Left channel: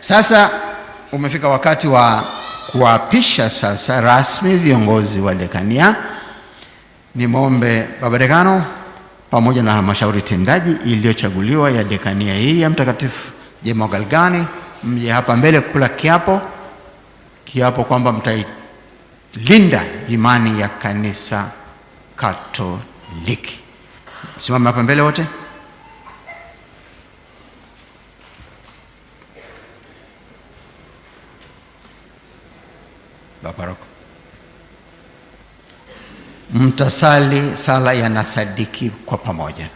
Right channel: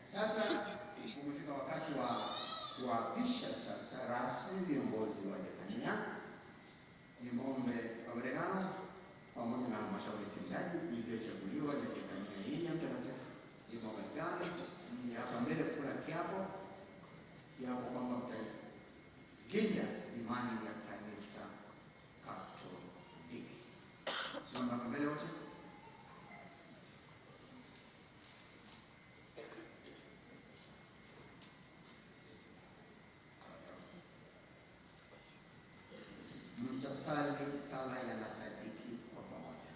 Sasa umefika wakati wa kuapisha sasa rasmi viongozi wa dekania. Nimwombe Baba Dekano pamoja na halmashauri tendaji iliyochaguliwa ya dekania hii ya Mtakatifu Jemo Galgani mje hapa mbele kula kiapo kwamba mtailinda imani ya Kanisa Katoliki. Simame hapa mbele wote. Baba Paroko, mtasali sala ya nasadiki kwa pamoja.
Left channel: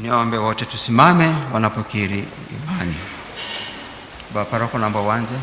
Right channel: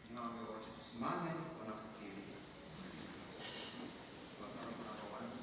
Niombe wote tusimame wanapokiri imani. Baba Paroko, naomba uanze.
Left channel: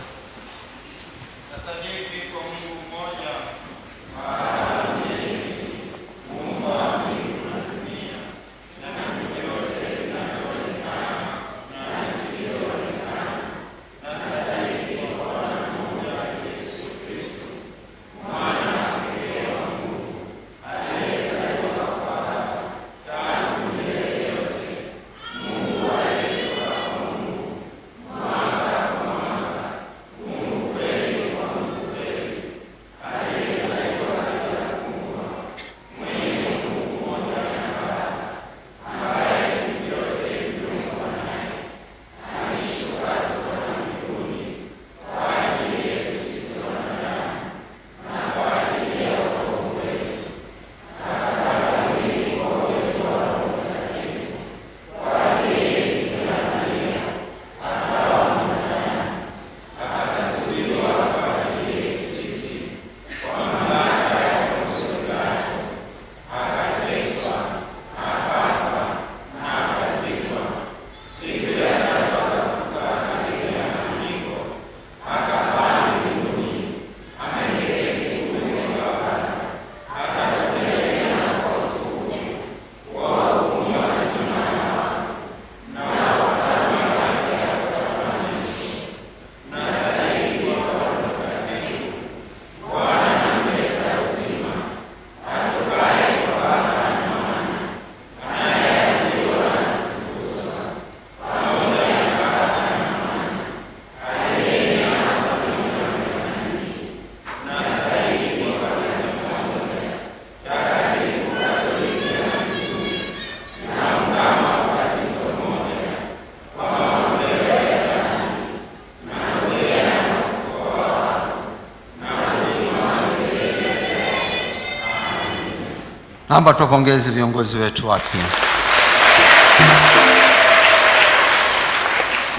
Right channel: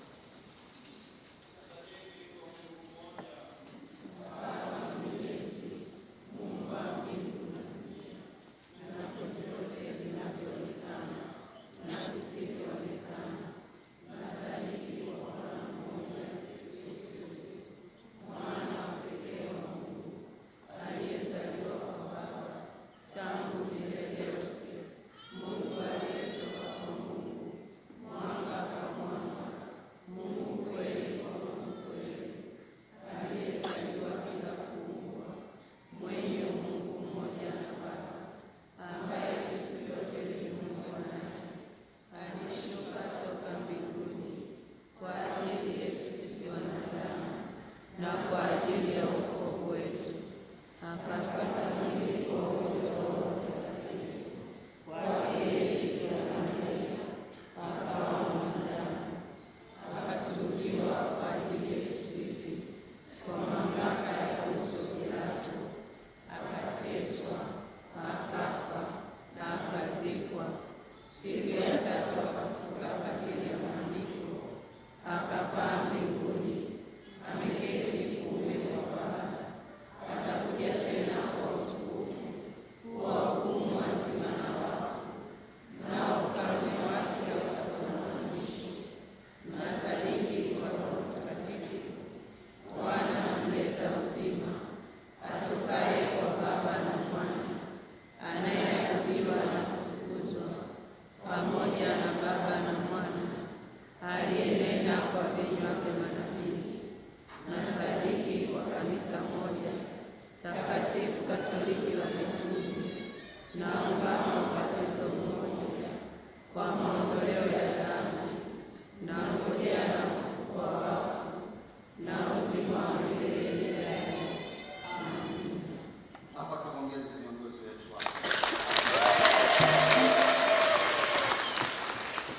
Naomba tuwapongeze viongozi wetu wapya.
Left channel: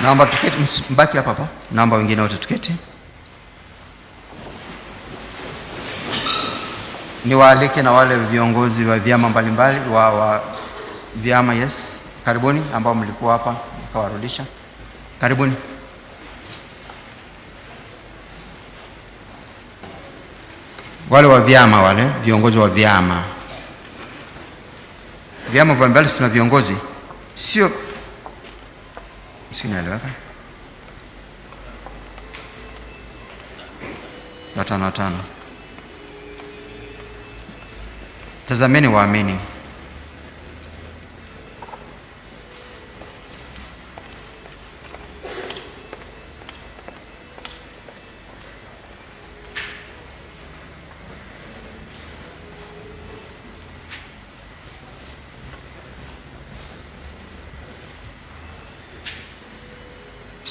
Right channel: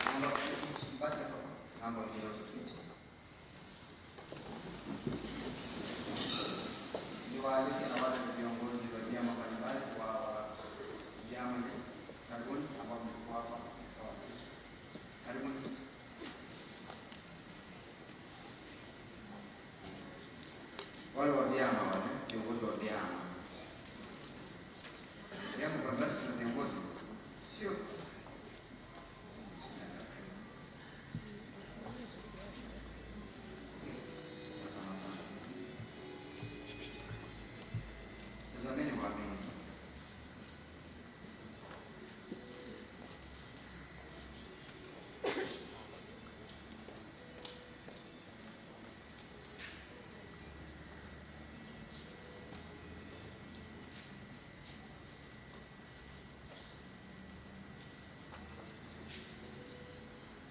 Naomba tuketi, mbaki hapa hapa. Naomba wengine wote tuketi. Niwaalike na wale viongozi wa vyama mbalimbali wa vyama. Yes, karibuni ambao mlikuwa hapa mkawarudisha. Karibuni. Wale wa vyama, wale viongozi wa vyama mbalimbali, sina viongozi, sio sinaeleweka. Watano. Tazameni waamini.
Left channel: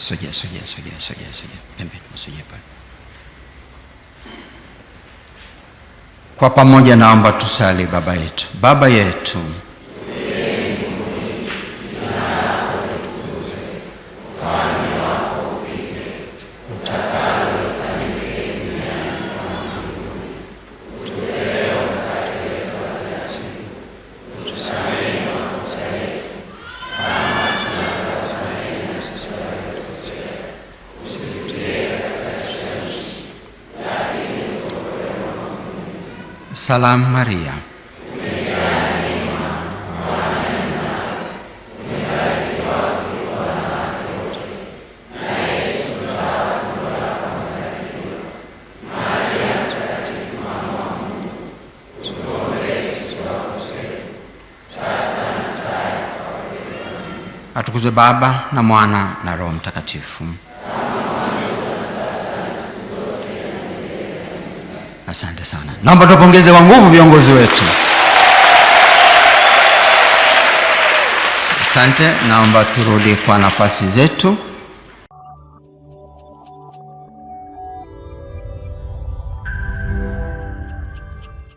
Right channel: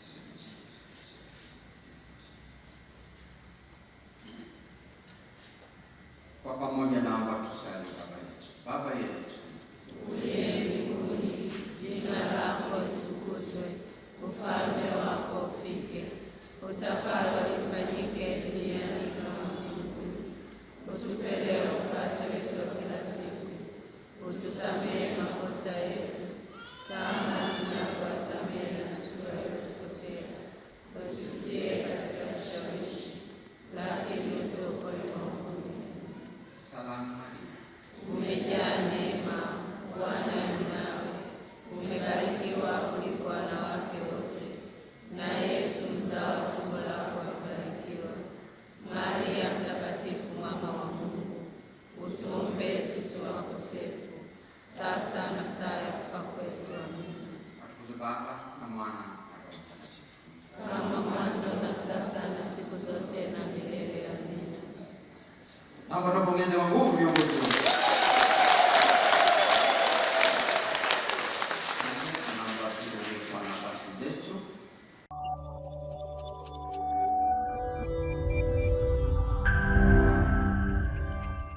Sogea pembeni, sogea pale. Kwa pamoja naomba tusali Baba yetu. Baba yetu, Salamu Maria, atukuzwe Baba na Mwana na Roho Mtakatifu. Asante sana. Naomba tupongeze kwa nguvu viongozi wetu. Asante. Naomba turudi kwa nafasi zetu.